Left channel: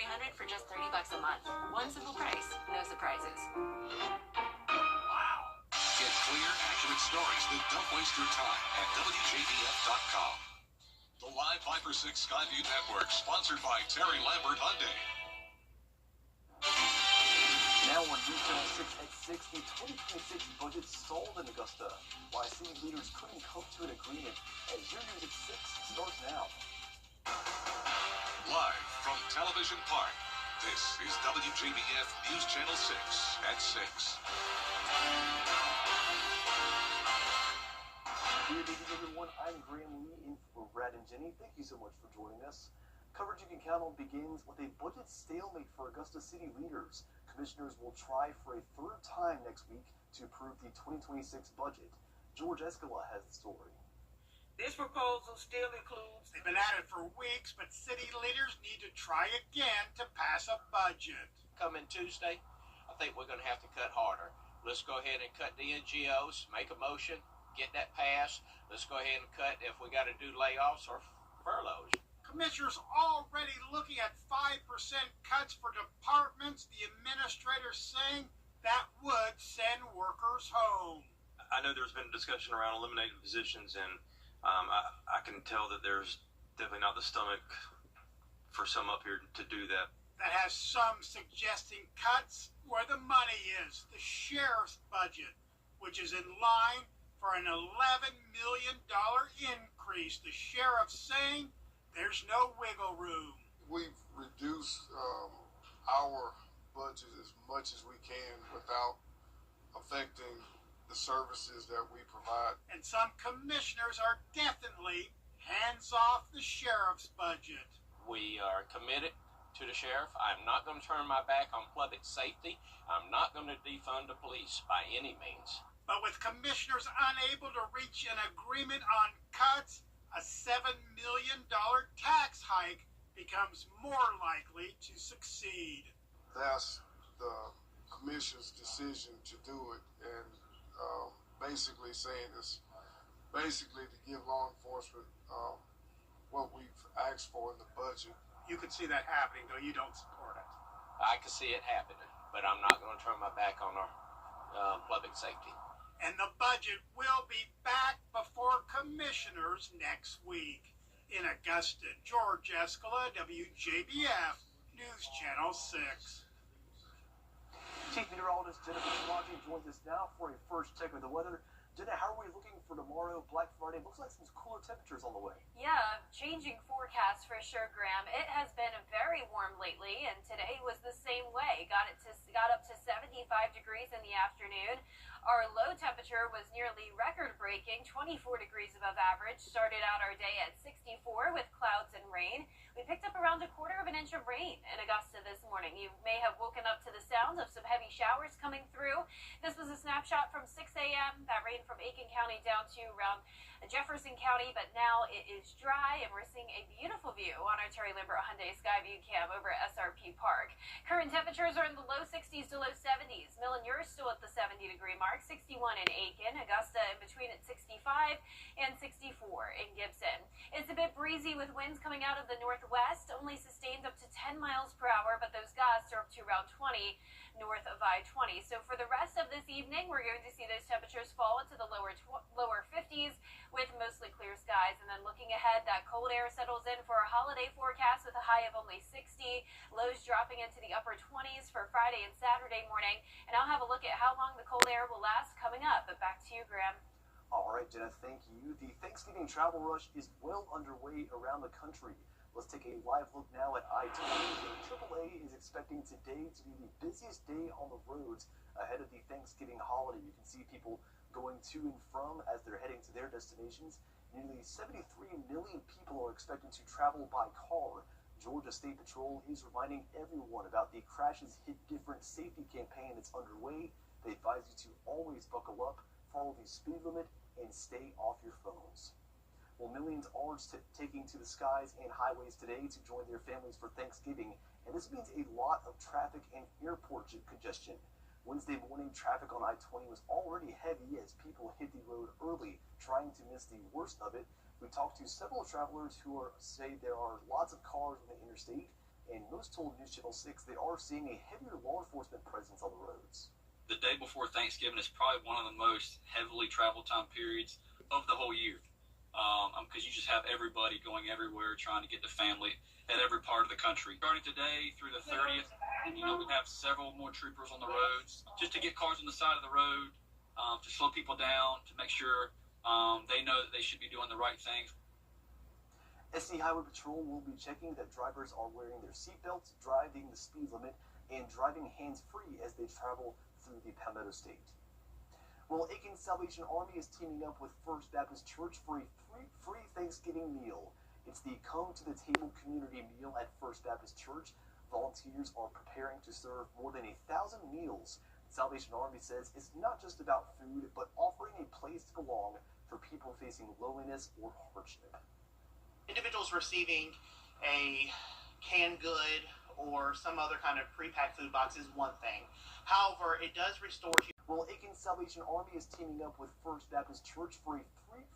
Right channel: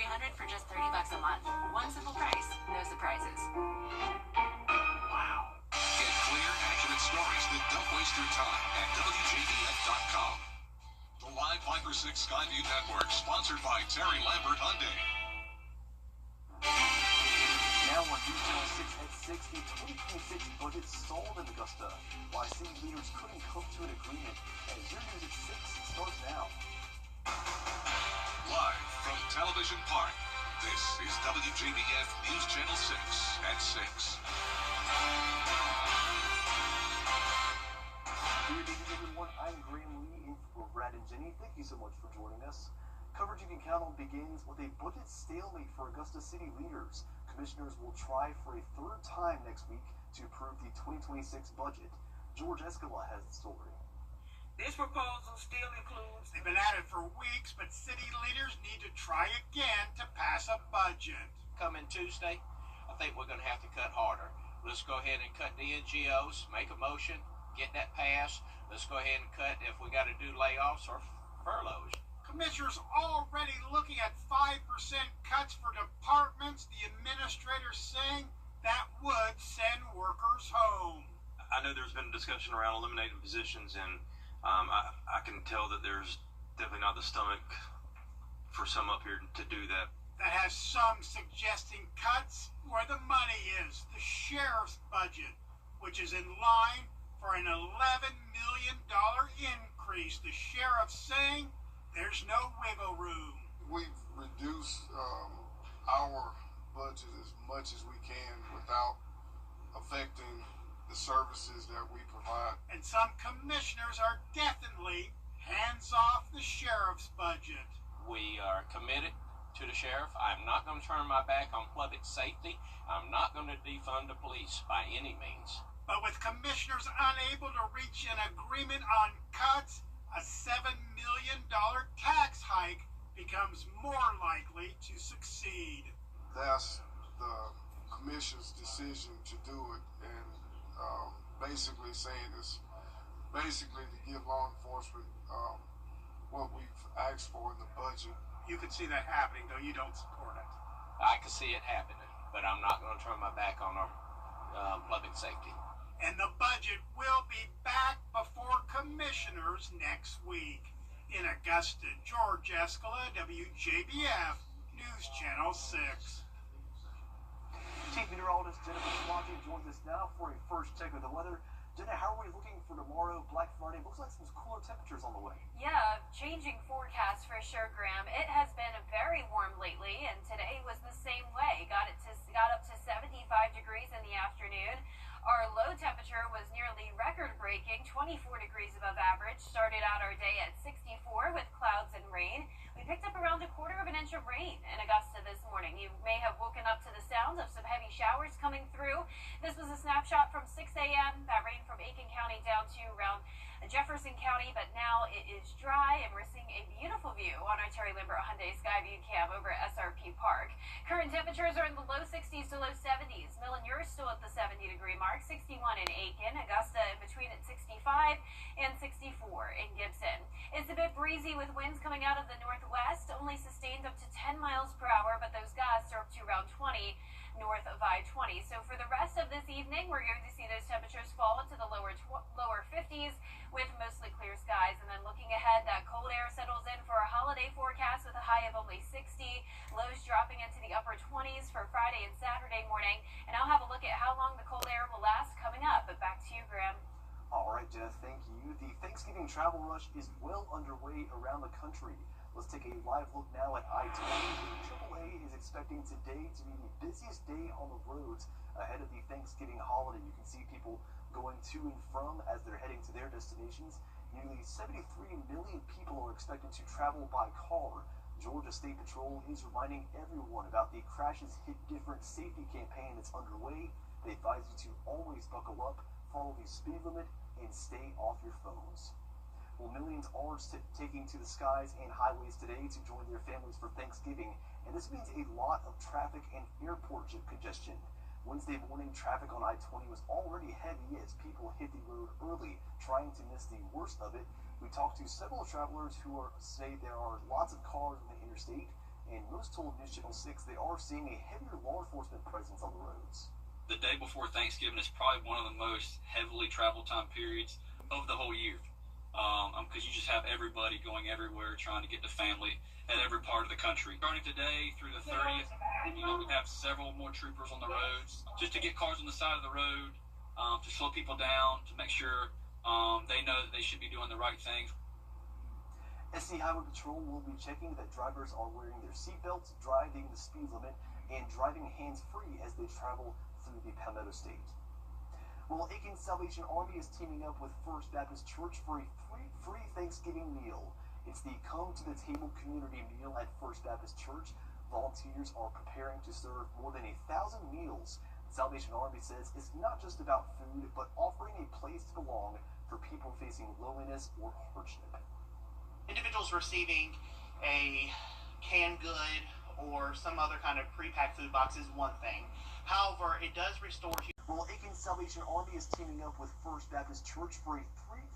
300 for just $30 a month. One simple price, no surprises. Wow. Get clear, accurate stories that don't waste your time at WJBF.com. The Live Viper 6 Skyview Network, sponsored by Terry Lambert Hyundai. Now on News Channel 6 at 6, the 2026 budget stalled in Augusta. Why city leaders couldn't come to an agreement. As your news at 6 starts now. Live from Television Park, this is WJBF News Channel 6 at 6. Good evening, everyone. I'm Graham Lee in for Brad and Jenny. Thank you so much for joining us. Coverage you can count on begins with a budget stalemate for Augusta city leaders. Commissioners will try for a third time next week to approve the 2026 budget. George Escala has the story. This proposal still includes, they've been at it for weeks, but city leaders need to try again to pass a budget. Coming Tuesday, I think we're going to have to cut harder. Let's go ahead and cut the NGOs, make a motion, get that passed. Let's go ahead and cut if we got to do layoffs or furloughs. Commissioners already looking at 5% cuts for departments. The administrator saying that would send workers home. I know there's been a discussion around eliminating positions, and I can tell that there's definitely not the stomach for some up here to do that. That has some suggesting cuts where the money is. The sheriff's budget, which is in line for an $11 million increase. The sheriff saying there's no wiggle room. We've reduced our budget as much as we can without affecting the services that we provide. And some commissioners are definitely hands off the sheriff's budget. We are committed to the sheriff. I'm not going to turn my back on public safety. I'm not going to defund the police by any means. But with commissioners unable to reach an agreement on cuts, a $7 million tax hike becomes more likely to succeed. That's the commission's decision to do it, and basically saying it's basically to give law enforcement what we've asked for in the budget. You can see that happening, though you don't support it. I can see it happening, but I'm not going to turn my back on our public safety. And the budget will be back before commissioners next week. In Augusta, George Escala, WJBF, News Channel 6. Chief Meteorologist Jennifer Swanty joins us now for a first check of the weather. Jenna, how are we looking for tomorrow, Black Friday? Looks like some cooler temperatures on the way. Yeah, changing forecast for sure, Graham. It has been very warm lately, and today was the same way. Got up to 75 degrees in the afternoon. Our low temperature was nearly record-breaking, 24 degrees above average. Started out our day at 64 with clouds and rain. We picked up around 1/4 inch of rain in Augusta this morning. You may have woken up to the sounds of some heavy showers coming through. This was a snapshot from 6 a.m. That rain from Aiken County down to around Jefferson County, but now it is dry, and we're seeing a beautiful view on our Terry Lambert Hyundai Skyview cam over at SRP Park. Current temperatures are in the low 60s to low 70s. Millen, you're still at the 70-degree mark, 61 in Aiken, Augusta in between at 65 and 64 in Gibson. It's a bit breezy with winds coming out of the northwest, only sustained up to 10 miles per hour, but those gusts are up to around 20 north of I-20. So for the rest of this evening, we're going to see those temperatures fall into the lower 50s with mostly clear skies. And then looking ahead, that cold air settles in for a holiday forecast with a high of only 60, lows dropping into the upper 20s for Friday and Saturday morning. And I'll have a look at how long the cold air will last coming up. But back to you, Graham. All right, Jenna, thank you. The Thanksgiving travel rush is well underway around the country. Let's take a live look now at I-20. AAA is expecting today to be the busiest day on the roads ahead of the Thanksgiving holiday. You can see people going to and from as they're heading to their destinations. Nearly 73 million people are expected to travel by car. Georgia State Patrol is reminding everyone about the Crashes Hit Different safety campaign that's underway. They advise you to always buckle up, follow the speed limit, and stay off your phones. Well, millions are taking to the skies and highways today to join their families for Thanksgiving, and this means a lot of traffic and airport congestion. Wednesday morning, traffic on I-20 was already heavy as people hit the road early, trying to miss the worst of it. We talked to several travelers who say there are lots of cars on the interstate, and most told News Channel 6 they are seeing a heavier law enforcement presence on the roads. The day before Thanksgiving is probably one of the most heavily traveled time periods of the whole year, because you just have everybody going everywhere trying to get to family at every part of the country. Starting today through the 30th, we have several more troopers on the roads just to get cars on the side of the road, to slow people down, to make sure they know that they should be doing the right things. SC Highway Patrol will be checking that drivers are wearing their seatbelts, driving the speed limit, and driving hands-free as they travel through the Palmetto State. Well, Aiken Salvation Army is teaming up with First Baptist Church for a free Thanksgiving meal. It's the Come to the Table community meal at First Baptist Church. Volunteers are preparing to serve more than 1,000 meals. Salvation Army says it's not just about food, but offering a place to belong for people facing loneliness or hardship. Individuals receiving a canned good or some other kind of pre-packed food box is one thing. However, it does restore you. Well, Aiken Salvation Army is teaming up with First Baptist Church for a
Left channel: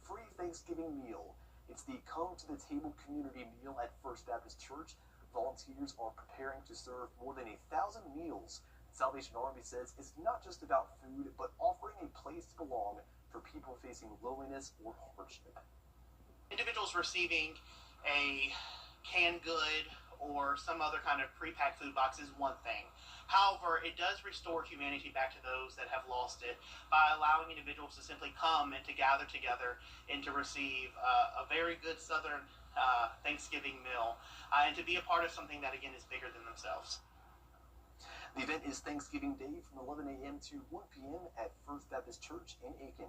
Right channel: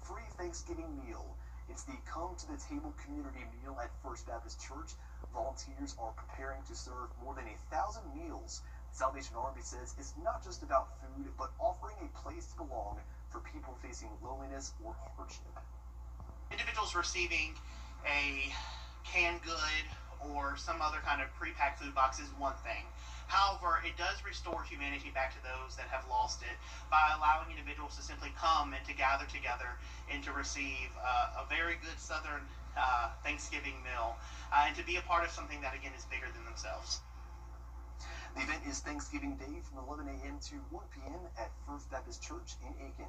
free Thanksgiving meal. It's the Come to the Table community meal at First Baptist Church. Volunteers are preparing to serve more than 1,000 meals. Salvation Army says it's not just about food, but offering a place to belong for people facing loneliness or hardship. Individuals receiving a canned good or some other kind of pre-packed food box is one thing. However, it does restore humanity back to those that have lost it by allowing individuals to simply come and to gather together and to receive a very good Southern Thanksgiving meal and to be a part of something that, again, is bigger than themselves. The event is Thanksgiving Day from 11 a.m. to 1 p.m. at First Baptist Church in Aiken.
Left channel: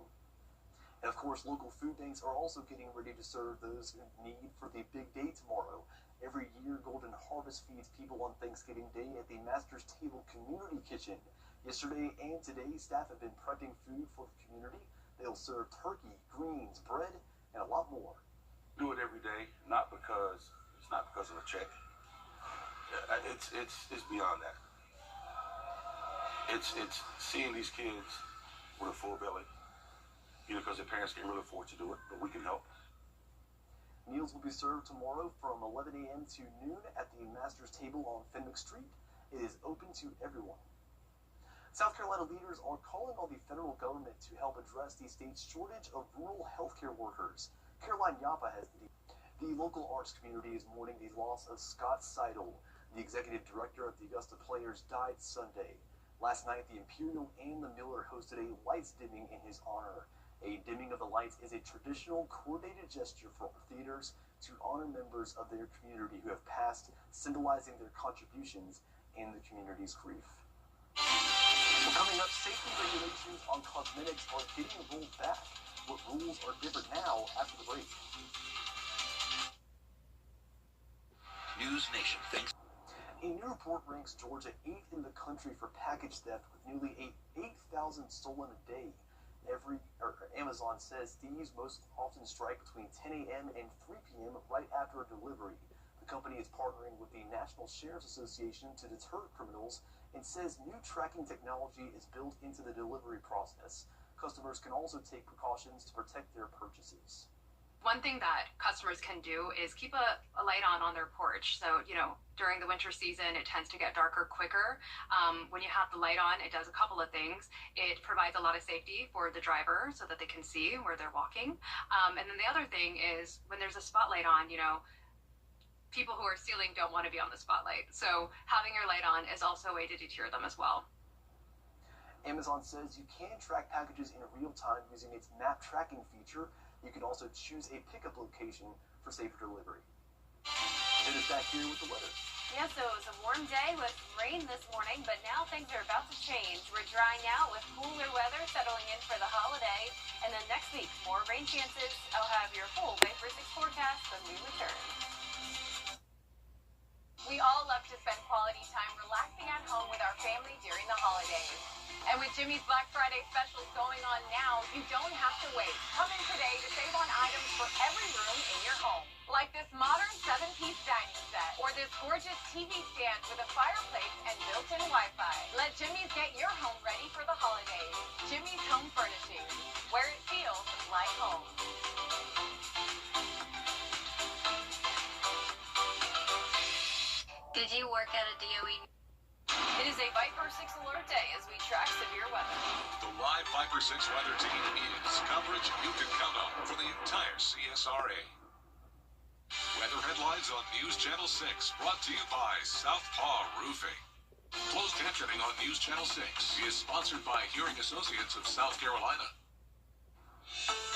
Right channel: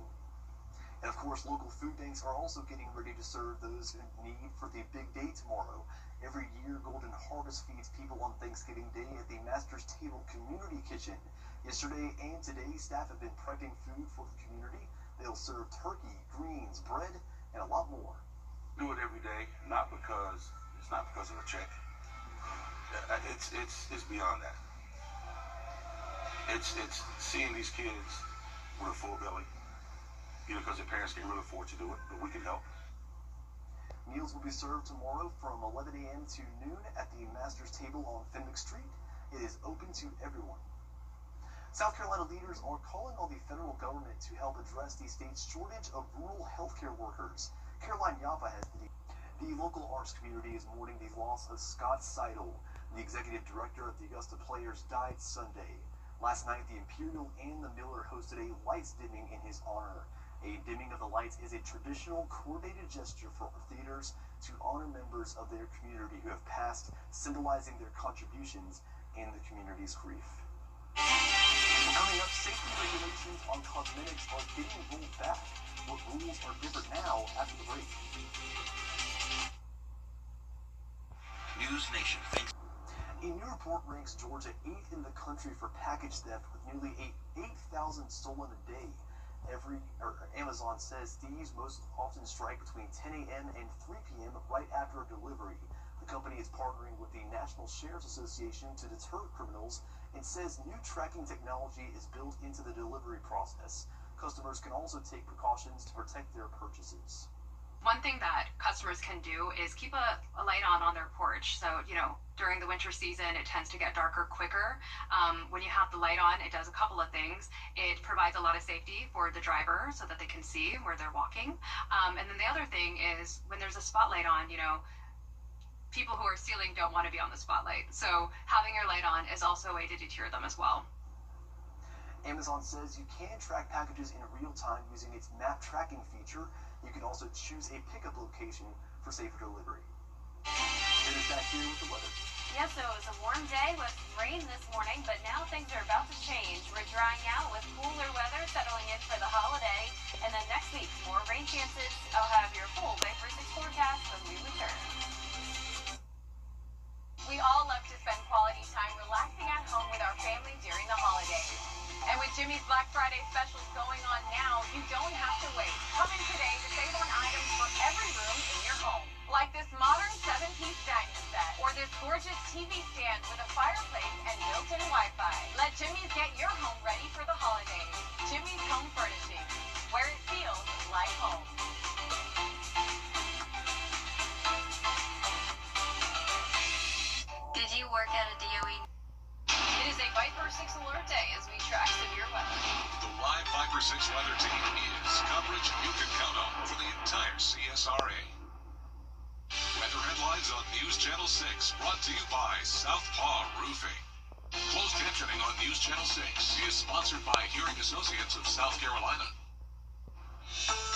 And of course, local food banks are also getting ready to serve those in need for the big day tomorrow. Every year, Golden Harvest feeds people on Thanksgiving Day at the Master's Table Community Kitchen. Yesterday and today, staff have been prepping food for the community. They'll serve turkey, greens, bread, and a lot more. Do it every day, not because of a check. It's beyond that. It's seeing these kids with a full belly, either because their parents can't really afford to do it, but we can help. Meals will be served tomorrow from 11 a.m. to noon at the Master's Table on Fenwick Street. It is open to everyone. South Carolina leaders are calling on the federal government to help address the state's shortage of rural healthcare workers. Caroline Yapa has the local arts community is mourning the loss of Scott Seidel. The executive director of the Augusta Players died Sunday. Last night, the Imperial and the Miller hosted a lights dimming in his honor. A dimming of the lights is a traditional coordinated gesture for theaters to honor members of their community who have passed, symbolizing their contributions in the community's grief. Coming up, safety regulations on cosmetics are getting rolled back. What rules are different now after the break? News Nation thinks. A new report ranks Georgia 8th in the country for package theft with nearly 8,000 stolen a day. Amazon says thieves most often strike between 10 a.m. and 3 p.m. right after a delivery. The company is partnering with the National Sheriff's Association to deter criminals and says new tracking technology is built into the delivery process. Customers can also take precautions to protect their purchases. One thing that customers can do is keep a light on their porch. So, during the winter season, it tends to get darker quicker. When you have the light on, it does a couple of things. It provides a lot of safety for the driver so that they can see where they're walking. And then the other thing is when there's a spotlight on, people who are stealing don't want to be on the spotlight. So having your light on is also a way to deter them as well. Amazon says you can track packages in real time using its map tracking feature. You can also choose a pickup location for safer delivery. It is back here with the weather. Yeah, so it was a warm day with rain this morning, but now things are about to change. We're drying out with cooler weather settling in for the holiday. And then next week, more rain chances. I'll have your full Day for 6 forecast when we return. We all love to spend quality time relaxing at home with our family during the holidays. And with Jimmy's Black Friday specials going on now, you don't have to wait. Come in today to save on items for every room in your home. Like this modern 7-piece dining set, or this gorgeous TV stand with a fireplace and built-in Wi-Fi. Let Jimmy's get your home ready for the holidays. Jimmy's Home Furnishings, where it feels like home. Did you Mark out of DOE. It is a Viper 6 alert day as we track severe weather. The live Viper 6 weather team is coverage you can count on for the entire CSRA. Weather headlines on News Channel 6, brought to you by Southpaw Roofing. Closed captioning on News Channel 6 is sponsored by Hearing Associates of South Carolina.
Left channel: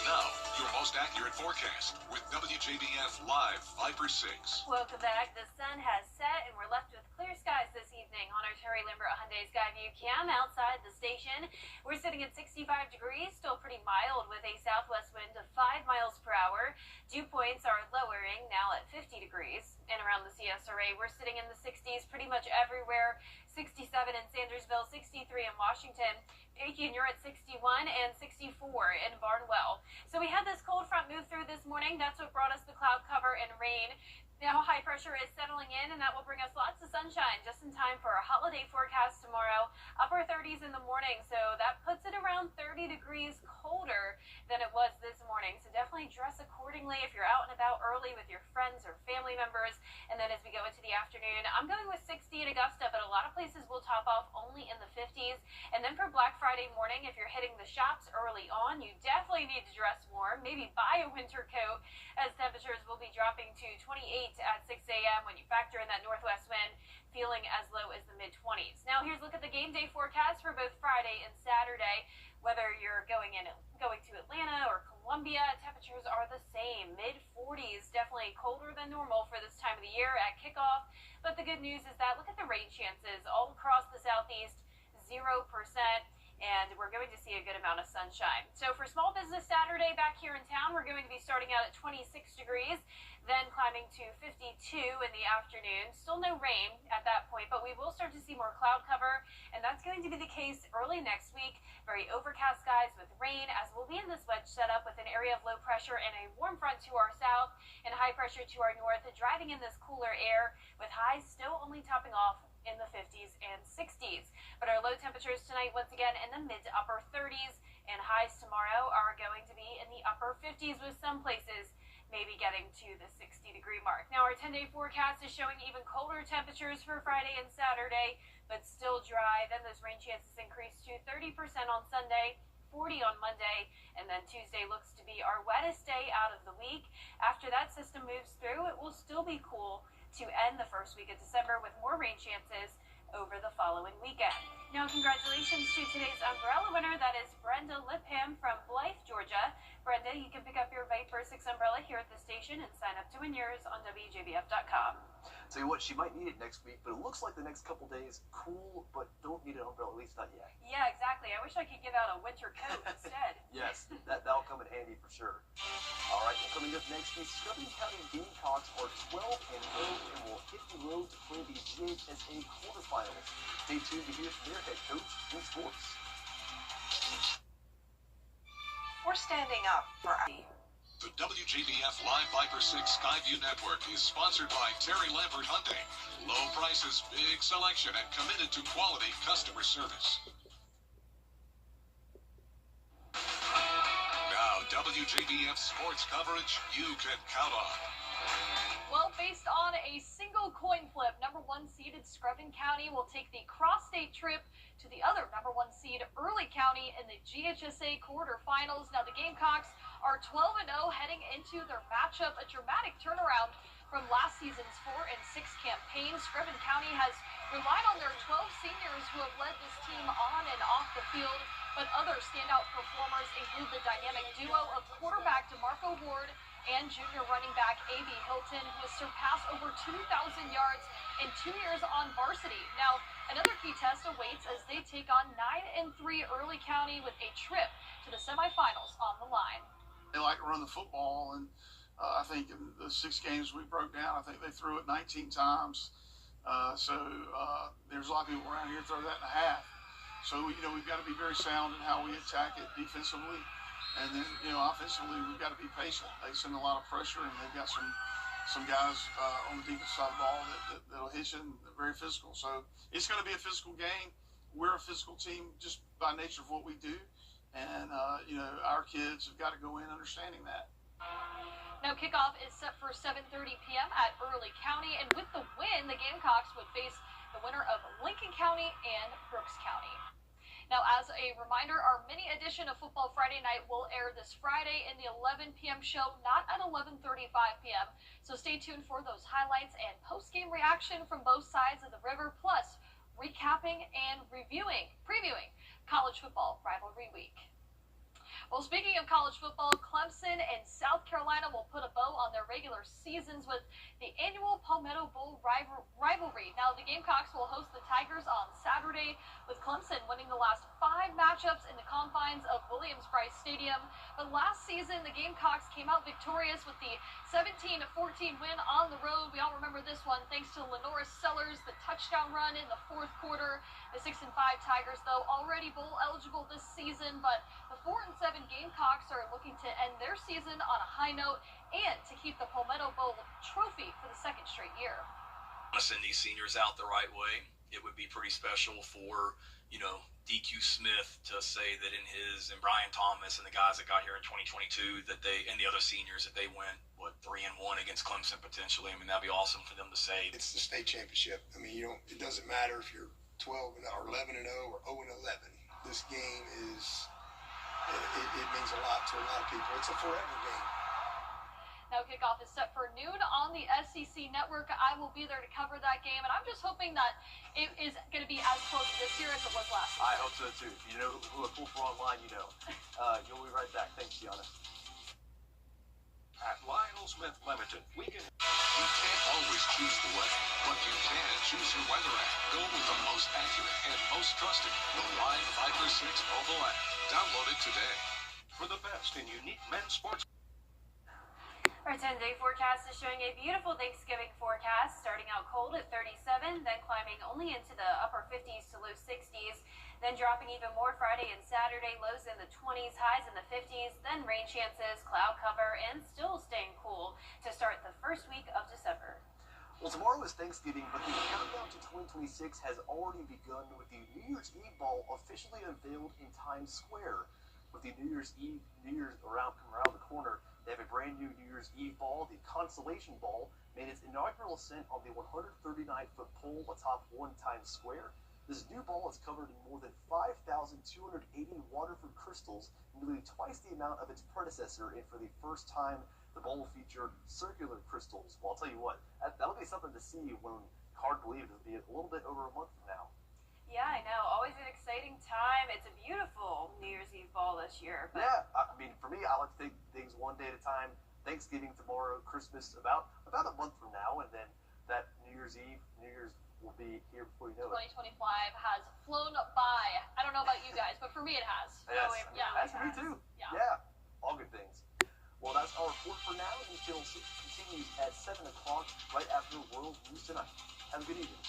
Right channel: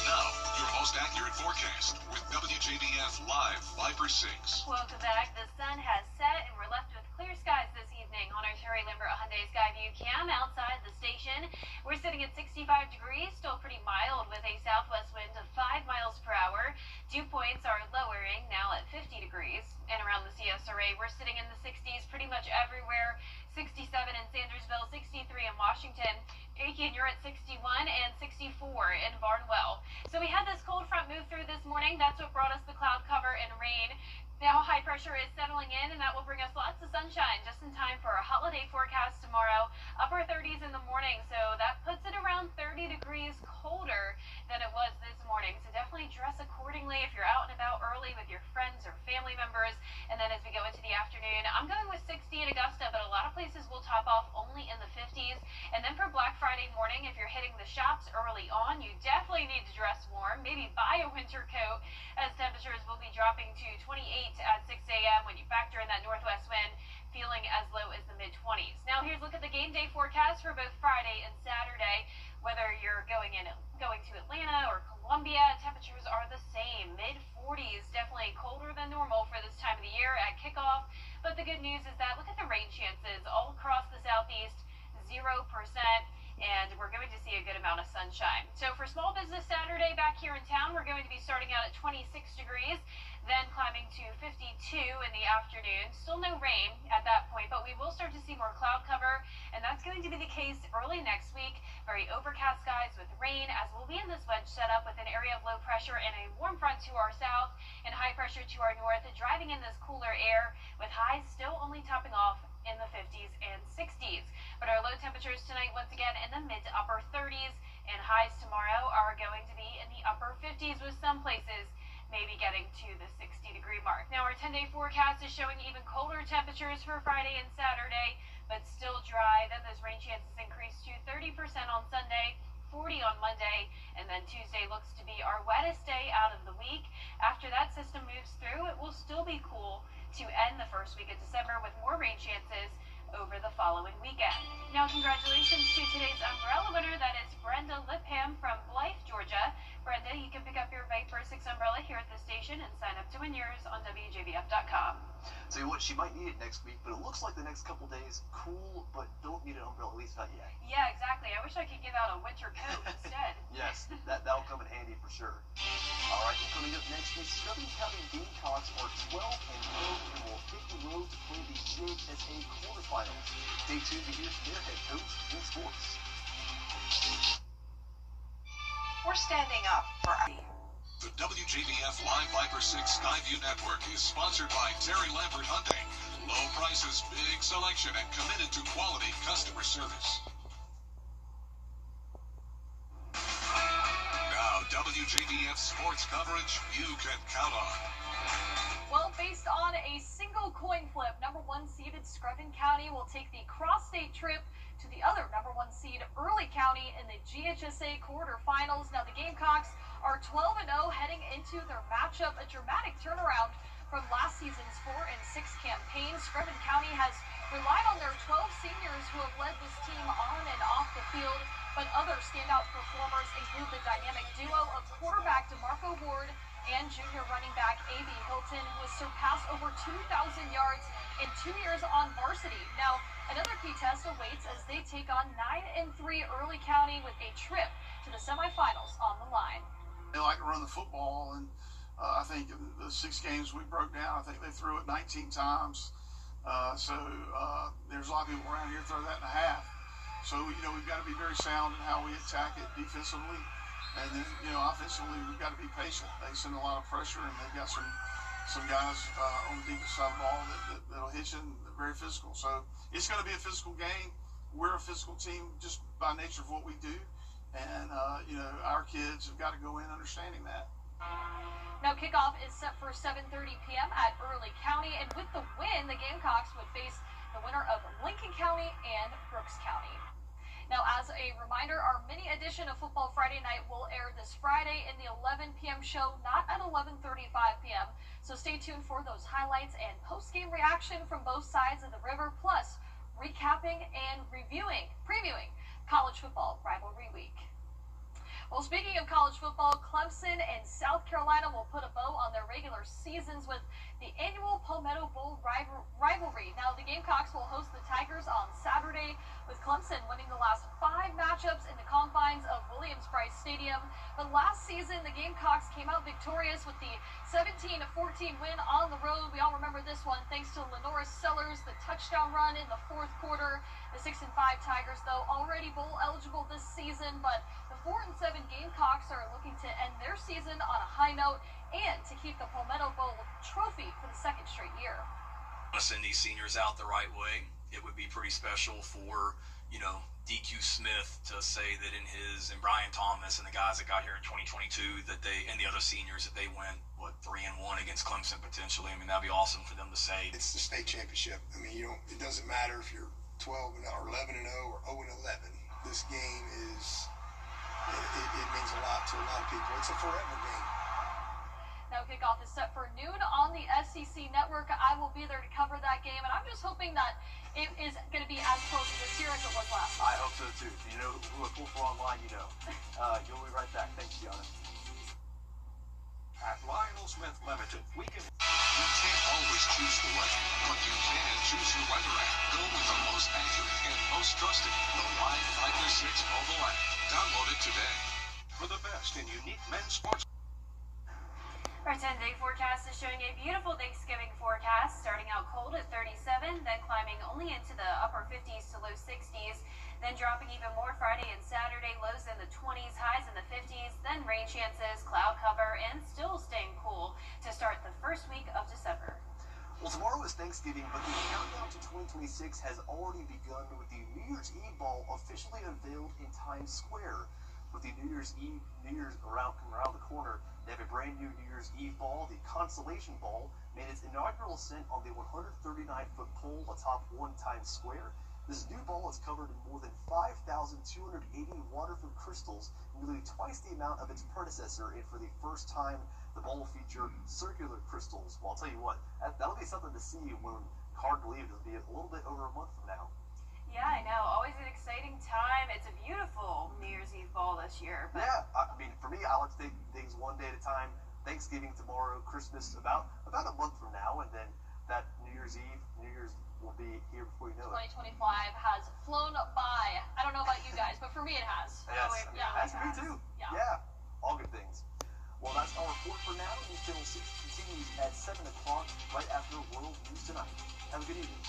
Now, your most accurate forecast with WJBF Live Viper 6. Welcome back. The sun has set and we're left with clear skies this evening on our Terry Lambert Hyundai Skyview cam outside the station. We're sitting at 65 degrees, still pretty mild with a southwest wind of 5 miles per hour. Dew points are lowering now at 50 degrees. And around the CSRA, we're sitting in the 60s pretty much everywhere. 67 in Sandersville, 63 in Washington. Aiken, you're at 61 and 64 in Barnwell. So we had this cold front move through this morning. That's what brought us the cloud cover and rain. Now high pressure is settling in, and that will bring us lots of sunshine just in time for a holiday forecast tomorrow. Upper 30s in the morning, so that puts it around 30 degrees colder than it was this morning. So definitely dress accordingly if you're out and about early with your friends or family members. And then as we go into the afternoon, I'm going with 60 in Augusta, but a lot of places will top off only in the 50s. And then for Black Friday morning, if you're hitting the shops early on, you definitely need to dress warm. Maybe buy a winter coat, as temperatures will be dropping to 28 at 6 a.m. when you factor in that northwest wind, feeling as low as the mid-20s. Now here's a look at the game day forecast for both Friday and Saturday. Whether you're going to Atlanta or Columbia, temperatures are the same. Mid-40s, definitely colder than normal for this time of the year at kickoff. But the good news is that look at the rain chances all across the southeast, 0%. And we're going to see a good amount of sunshine. So for Small Business Saturday back here in town, we're going to be starting out at 26 degrees, then climbing to 52 in the afternoon. Still no rain at that point, but we will start to see more cloud cover, and that's going to be the case early next week. Very overcast skies with rain, as we'll be in this wedge setup with an area of low pressure and a warm front to our south and high pressure to our north, driving in this cooler air with highs still only topping off in the 50s and 60s. But our low temperatures tonight, once again, in the mid to upper 30s, and highs tomorrow are going to be in the upper 50s, with some places maybe getting to the 60-degree mark. Now, our 10-day forecast is showing even colder temperatures for Friday and Saturday, but still dry. Then those rain chances increase to 30% on Sunday, 40 on Monday, and then Tuesday looks to be our wettest day out of the week. After that system moves through, it will still be cool to end the first week of December with more rain chances over the following weekend. Now, congratulations to today's umbrella winner. That is Brenda Lipham from Blythe, Georgia. Brenda, you can pick up your Viper 6 umbrella here at the station and sign up to win yours on WJBF.com. Tell you what, she might need it next week, but it looks like the next couple days cool, but don't need an umbrella, at least not yet. Yeah, exactly. I wish I could give out a winter coat instead. Yes, that'll come in handy for sure. All right, well, coming up next, the Scrubbing County Gamecocks are 12-0 and will hit the road to play the JHSA quarterfinals. Stay tuned to hear from their head coach in sports. We're standing up for The WJBF Live Viper 6 Skyview Network is sponsored by Terry Lambert Hyundai. Low prices, big selection, and committed to quality customer service. Now, WJBF sports coverage you can count on. Well, based on a single coin flip, number 1 seeded Scrubbing County will take the cross-state trip to the other number 1 seed Early County in the GHSA quarterfinals. Now, the Gamecocks are 12-0 heading into their matchup, a dramatic turnaround from last season's 4-6 campaign. Scrubbing County has relied on their 12 seniors who have led this team on and off the field, but other standout performers include the dynamic duo of quarterback DeMarco Ward and junior running back A.B. Hilton, who has surpassed over 2,000 yards in 2 years on varsity. Now, another key test awaits as they take on 9-3 Early County with a trip to the semifinals on the line. They like to run the football, and I think in the 6 games we broke down, I think they threw it 19 times. So there's a lot of people around here throw that in a half. So, we've got to be very sound in how we attack it defensively. And then, offensively, we've got to be patient. They send a lot of pressure, and they've got some guys on the defensive side of the ball that'll hit you, and they're very physical. So it's going to be a physical game. We're a physical team just by nature of what we do. And, our kids have got to go in understanding that. Now kickoff is set for 7:30 p.m. at Early County, and with the win, the Gamecocks would face the winner of Lincoln County and Brooks County. Now, as a reminder, our mini edition of Football Friday Night will air this Friday in the 11 p.m. show, not at 11:35 p.m. So stay tuned for those highlights and post-game reaction from both sides of the river, plus recapping and previewing college football rivalry week. Well, speaking of college football, Clemson and South Carolina will put a bow on their regular seasons with the annual Palmetto Bowl rivalry. Now, the Gamecocks will host the Tigers on Saturday, with Clemson winning the last 5 matchups in the confines of Williams-Brice Stadium. But last season, the Gamecocks came out victorious with the 17-14 win on the road. We all remember this one thanks to Lenora Sellers, the touchdown run in the 4th quarter. The 6-5 Tigers, though, already bowl eligible this season, but the 4-7 Gamecocks are looking to end their season on a high note and to keep the Palmetto Bowl trophy for the 2nd straight year. Want to send these seniors out the right way. It would be pretty special for, DQ Smith to say that in his, and Brian Thomas and the guys that got here in 2022, that they, and the other seniors, that they went, 3-1 against Clemson potentially. I mean, that'd be awesome for them to say. It's the state championship. I mean, it doesn't matter if you're 12 or 11-0 or 0-11. This game is, it means a lot to a lot of people. It's a forever game. Now kickoff is set for noon on the SEC network. I will be there to cover that game, and I'm just hoping that it is going to be as close this year as it was last year. I hope so too. If you know who look for online, you know. You'll be right back. Thanks, Gianna. At Lionel Smith Limited, you can't always choose the weather, but you can choose your weather app. Go with the most accurate and most trusted, the Line 536 mobile app. Download it today for the best in unique men's sports. Our 10-day forecast is showing a beautiful Thanksgiving forecast, starting out cold at 37, then climbing only into the upper 50s to low 60s, then dropping even more Friday and Saturday, lows in the 20s, highs in the 50s, then rain chances, cloud cover, and still staying cool to start the first week of December. Well, tomorrow is Thanksgiving, but the countdown to 2026 has already begun with the New Year's Eve ball officially unveiled in Times Square. With the New Year's around the corner, they have a brand new New Year's Eve ball. The Constellation Ball made its inaugural ascent on the 139-foot pole atop Times Square. This new ball is covered in more than 5,280 Waterford crystals, nearly twice the amount of its predecessor, and for the first time, the ball will feature circular crystals. Well, I'll tell you what, that'll be something to see when hard to believe it'll be a little bit over a month from now. Yeah, I know. Always an exciting time. It's a beautiful New Year's Eve ball this year. But yeah, I mean, for me, I like to take things one day at a time. Thanksgiving tomorrow, Christmas about a month from now, and then that New Year's will be here before you know it. 2025 has flown by. I don't know about you guys, but for me it has. Yes, It has for me too. Yeah, all good things. Well, that's our report for now. News Channel 6 continues at 7 o'clock right after World News Tonight. Have a good evening.